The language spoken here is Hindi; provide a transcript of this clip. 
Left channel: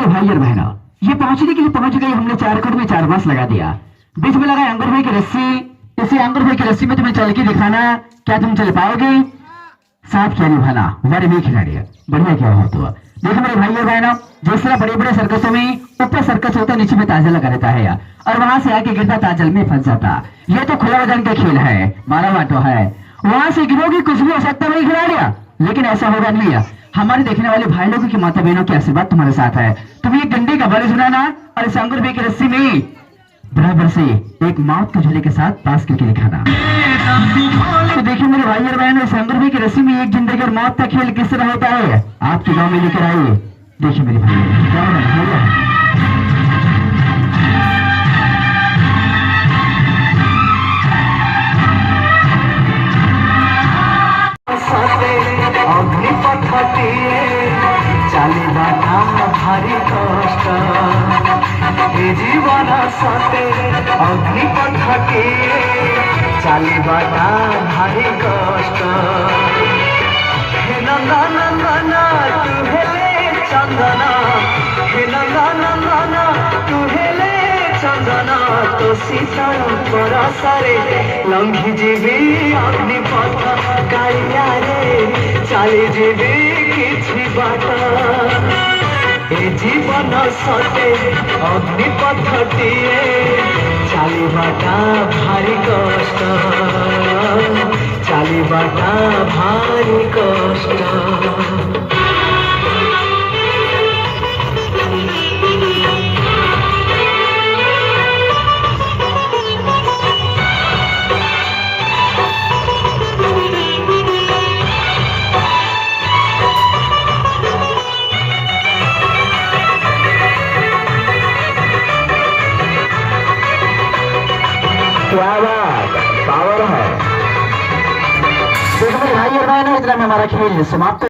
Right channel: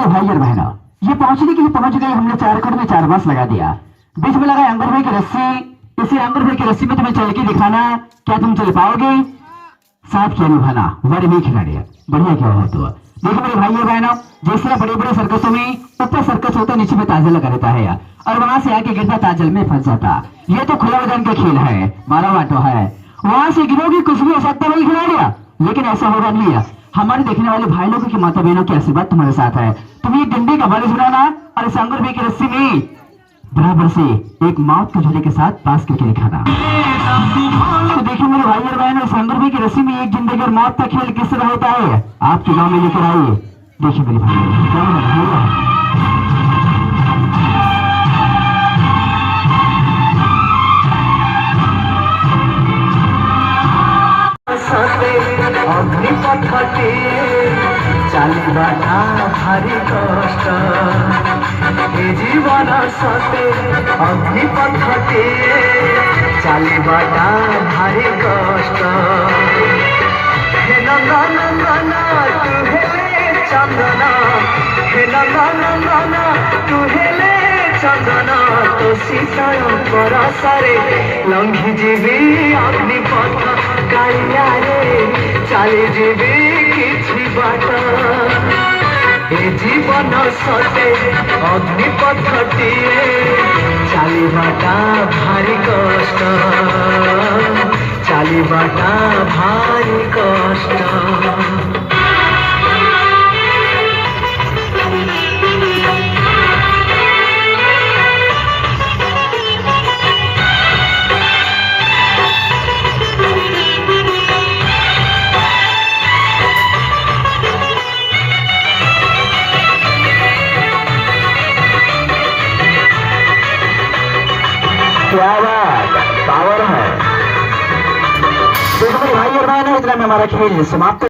मेरे भाई और बहनों, ये पहुंचने के लिए पहुंच गई। हमने 4 कड़ में 4 बांस लगा दिया। बीच में लगा अंगर भाई की रस्सी। इसी अंगर भाई की रस्सी में तुम्हें चल के दिखाना। क्या तुम चल पाओगे? साथ क्या निभाना, वर में खिलाड़ी बढ़िया क्या हो तो। देखो मेरे भाई और बहनों, जिस तरह बड़े बड़े सर्कसों में ऊपर सर्कस होता है, नीचे में ताजा लगा रहता है और वहां से आके गिरता ताजल में फंस जाता। ये तो खुला मैदान का खेल है, मारा वाटो है। वहां से गिरोगी कुछ भी हो सकता है भाई खिलाड़िया, लेकिन ऐसा होगा नहीं। हमारे देखने वाले भाई लोगों की माता बहनों की आशीर्वाद तुम्हारे साथ है। तुम ये डंडे का बड़े सुनाना और इस अंगूर की रस्सी में बराबर से एक मौत के झूले के साथ पास करके दिखाना। तो देखिए मेरे भाई और बहन, इस अंगूर की रस्सी में एक जिंदगी और मौत का खेल किस तरह होता है आपके गांव में लेकर आइए। देखिए मेरे भाई চালিবাটা ভারী কষ্ট এ জীবন সতে অগ্নিপথে চালিবাটা ভারী কষ্ট হে নন্দন তু হেলে চন্দন হে নন্দন তু হেলে চন্দন তো সীতার পরশরে লঙ্ঘি ଯିବି অগ্নিপথ কাଳିয়ারে চালি ଯିବି କିଛି ବାଟ ଏ ଜୀବନ ସତେ ଅଗ୍ନିପଥଟିଏ ଚାଲିବାଟା ଭାରି କଷ୍ଟ ଚାଲିବାଟା ଭାରି କଷ୍ଟ। क्या बात पावर है। देखो मेरे भाई और बहनों, इतना में हमारा खेल समाप्त।